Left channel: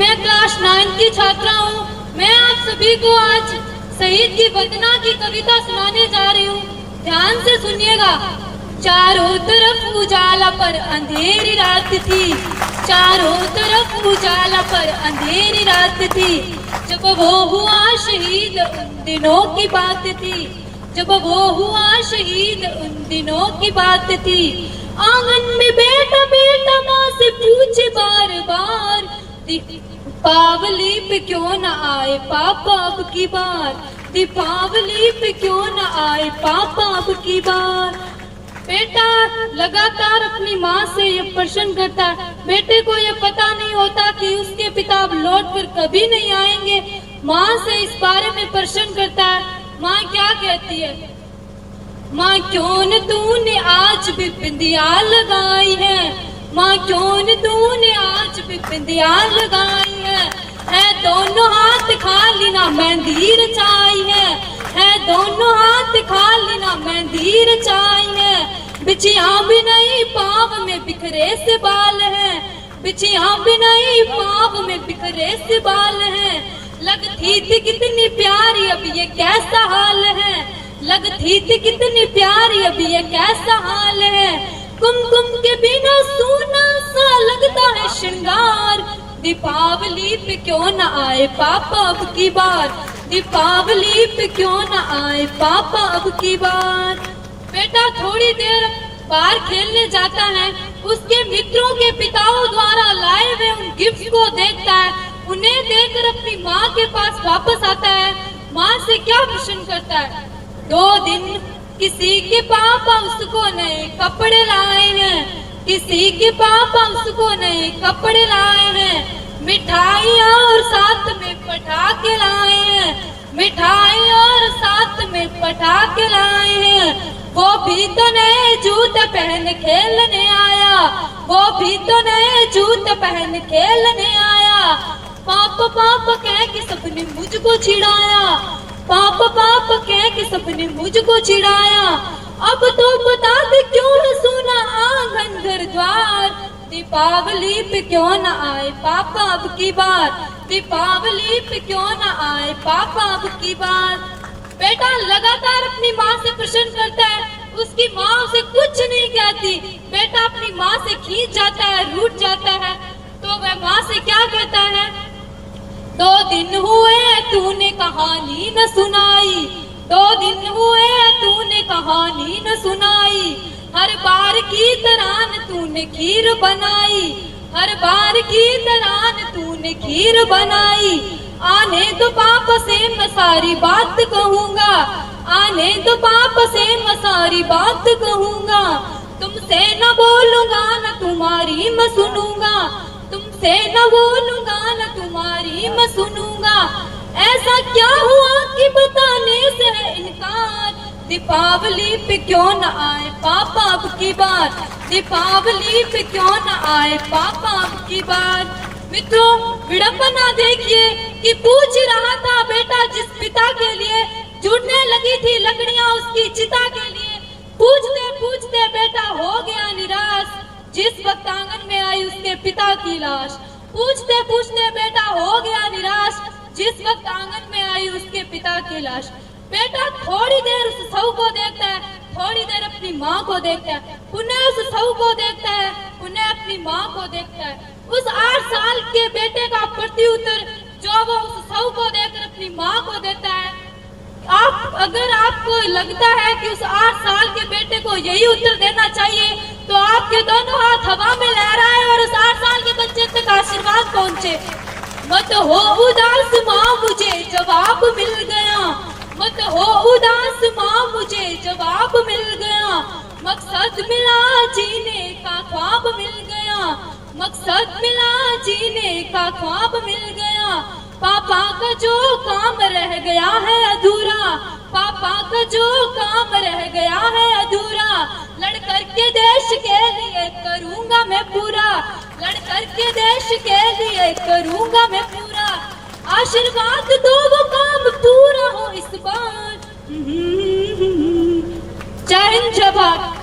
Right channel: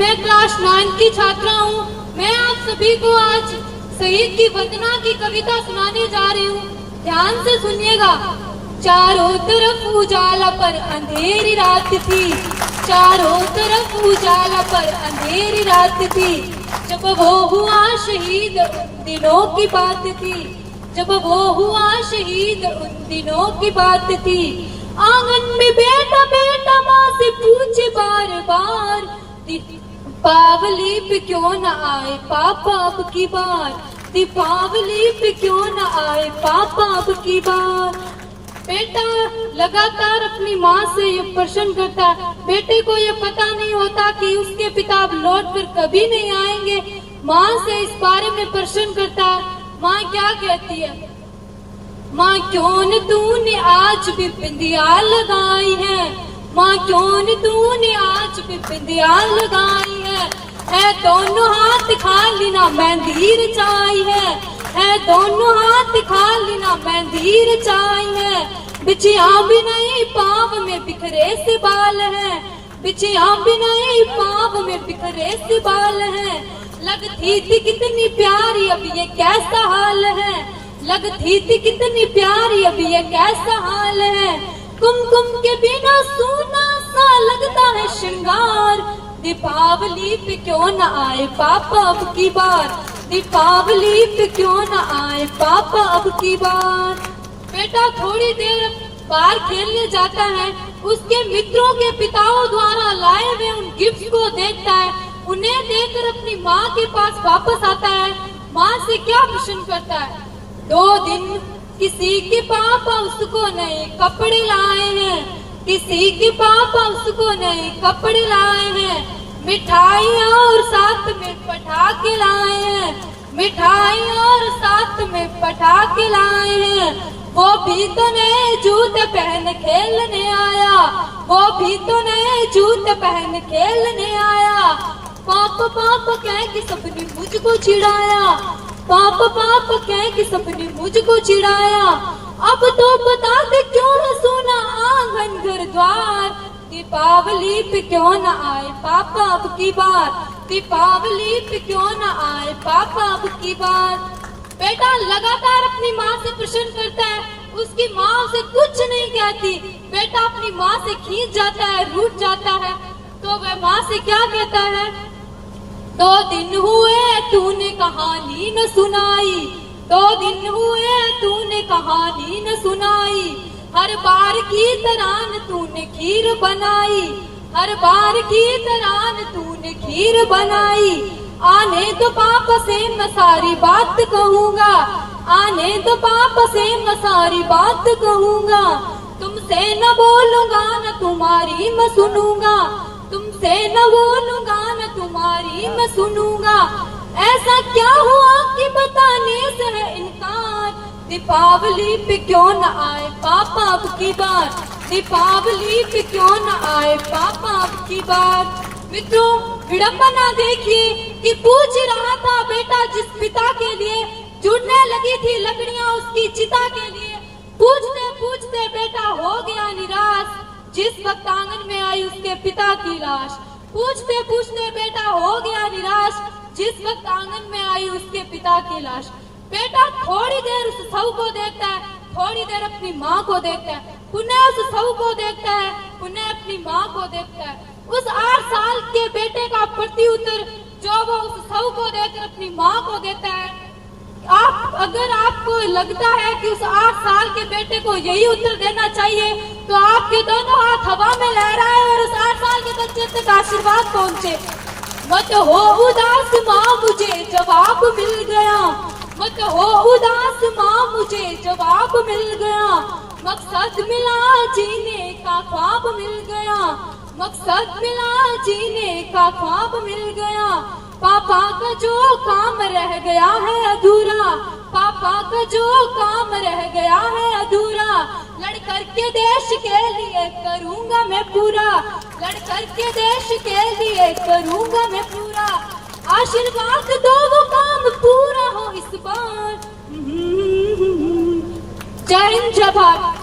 मैं क्लास 9 की छात्रा हूँ। मैं आप सभी को आज शहीद की वंदना की कविता सुनाने जा रही हूँ। ध्यान से सुनिएगा। चारों तरफ उजाला पर अंधेरी रात थी, चारों तरफ उजाला पर अंधेरी रात थी, जब वो हुआ शहीद उन दिनों की बात थी, जब वो हुआ शहीद उन दिनों की बात थी। आंगन में बेटा बेटा माँ से पूछे बार बार, दीपावली पे क्यों न आए पापा अब की बार, दीपावली पे क्यों न आए पापा अब की बार। बेटा लगातार अपनी माँ से ये प्रश्न करता है। बेटे को ये पता नहीं होता कि उसके पिता अब लौट कर कभी नहीं आएंगे। माँ से इस बारे में प्रश्न करता है। माँ क्या कहती है? माँ क्यों न तूने आज भी बिंदिया लगाई है, माँ क्यों न तूने आज भी बिंदिया लगाई है दोनों हाथ खाली ना मेहंदी रचाई है दोनों हाथ खाली ना मेहंदी रचाई है। बिछिया भी नहीं पाँव में बिखरे से बाल है, बिछिया भी नहीं पाँव में बिखरे से बाल है। लगती थी कितनी प्यारी अब ये कैसा हाल है, लगती थी कितनी प्यारी अब ये कैसा हाल है। कुमकुम के बिना सूना सा लगता है श्रृंगार, दीपावली पे क्यों न आए पापा अब की बार, दीपावली पे क्यों न आए पापा अब की बार। बेटा थोड़ी देर बाहर खेलने जाता है। उसके मित्रों के पिताओं द्वारा लाए हुए उन गिफ्ट को देखता है। उन्हें देखकर अपनी माँ के पास वापस आता है। माँ से क्या प्रश्न करता है? 2 दिन किसी के पापा उसको नए कपड़े लाए हैं, किसी के पापा उसको नए कपड़े लाए हैं। मिठाइयाँ और साथ में पटाखे लाए हैं, मिठाई और साथ में पटाखे लाए हैं। वो भी तो नए जूते पहन खेलने आया, वो भी तो नए जूते पहन खेलने आया। पापा पापा कह के सबने मुझको चिढ़ाया, पापा पापा कह के सबने मुझको चिढ़ाया। अब तो बता दे क्यों न सुना आंगन घर द्वार, दीपावली पे क्यों न आए पापा अब की बार, दीपावली पे क्यों न आए पापा अब की बार। बेटा लगातार अपनी माँ से प्रश्न करता है। उसकी माँ उसे कुछ नहीं कहती। बेटा अपनी माँ से खींच जाता है, रूठ जाता है। तो वह माँ से क्या कहता है? 2 दिन हुए तूने कहानी न सुनाई, 2 दिन हुए तूने कहानी न सुनाई। हर बार की तरह तूने खीर बनाई, हर बार की तरह तूने खीर बनाई। आने तो पापा से मैं सारी बात कहूँगा, आने तो पापा से मैं सारी बात कहूँगा। तुमसे न बोलूँगा न तुम्हारी मैं सुनूंगा, तुमसे न बोलूँगा न तुम्हारी मैं सुनूंगा। ऐसा क्या हुआ कि बताने से है इनकार, दीपावली पे क्यों न आए पापा अब की बार, दीपावली पे क्यों न आए पापा अब की बार। मित्रों विडंबना देखिए कि पूछ रहा था बेटा जिस पिता के लिए जुड़ने लगी थी लकड़ियां उसकी चिता के लिए। पूछते पूछते बेटा हो गया निराश, जिस वक्त आंगन में आई उसके पिता की लाश। पूछते पूछते बेटा हो गया निराश, जिस वक्त आंगन में आई उसके पिता की लाश। बेटा थोड़ी देर उस शव को देखता है, थोड़ी देर अपनी माँ को देखता है, पुनः उस शव को देखता है, पुनः अपनी माँ को देखता है। उस 8 साल के बेटे का प्रत्युत्तर जो वो उस शव को देखकर अपनी माँ को देता है। अगर आपको लगता है कि उस 8 साल के बेटे को यही उत्तर देना चाहिए तो आपके दोनों हाथ हवा में लहराए और उस 8 साल के बच्चे तक आशीर्वाद पहुँचे। मत हो उदास माँ मुझे जवाब मिल गया, मत हो उदास माँ मुझे जवाब मिल गया। मकसद मिला जीने का ख्वाब मिल गया, मकसद मिला जीने का ख्वाब मिल गया। पापा का जो काम रह गया है अधूरा, पापा का जो काम रह गया है अधूरा। लड़कर के देश के लिए करूँगा मैं पूरा, लड़कर के देश के लिए करूँगा मैं पूरा। आशीर्वाद दो वो काम पूरा हो इस बार। जय हिंद जय भारत।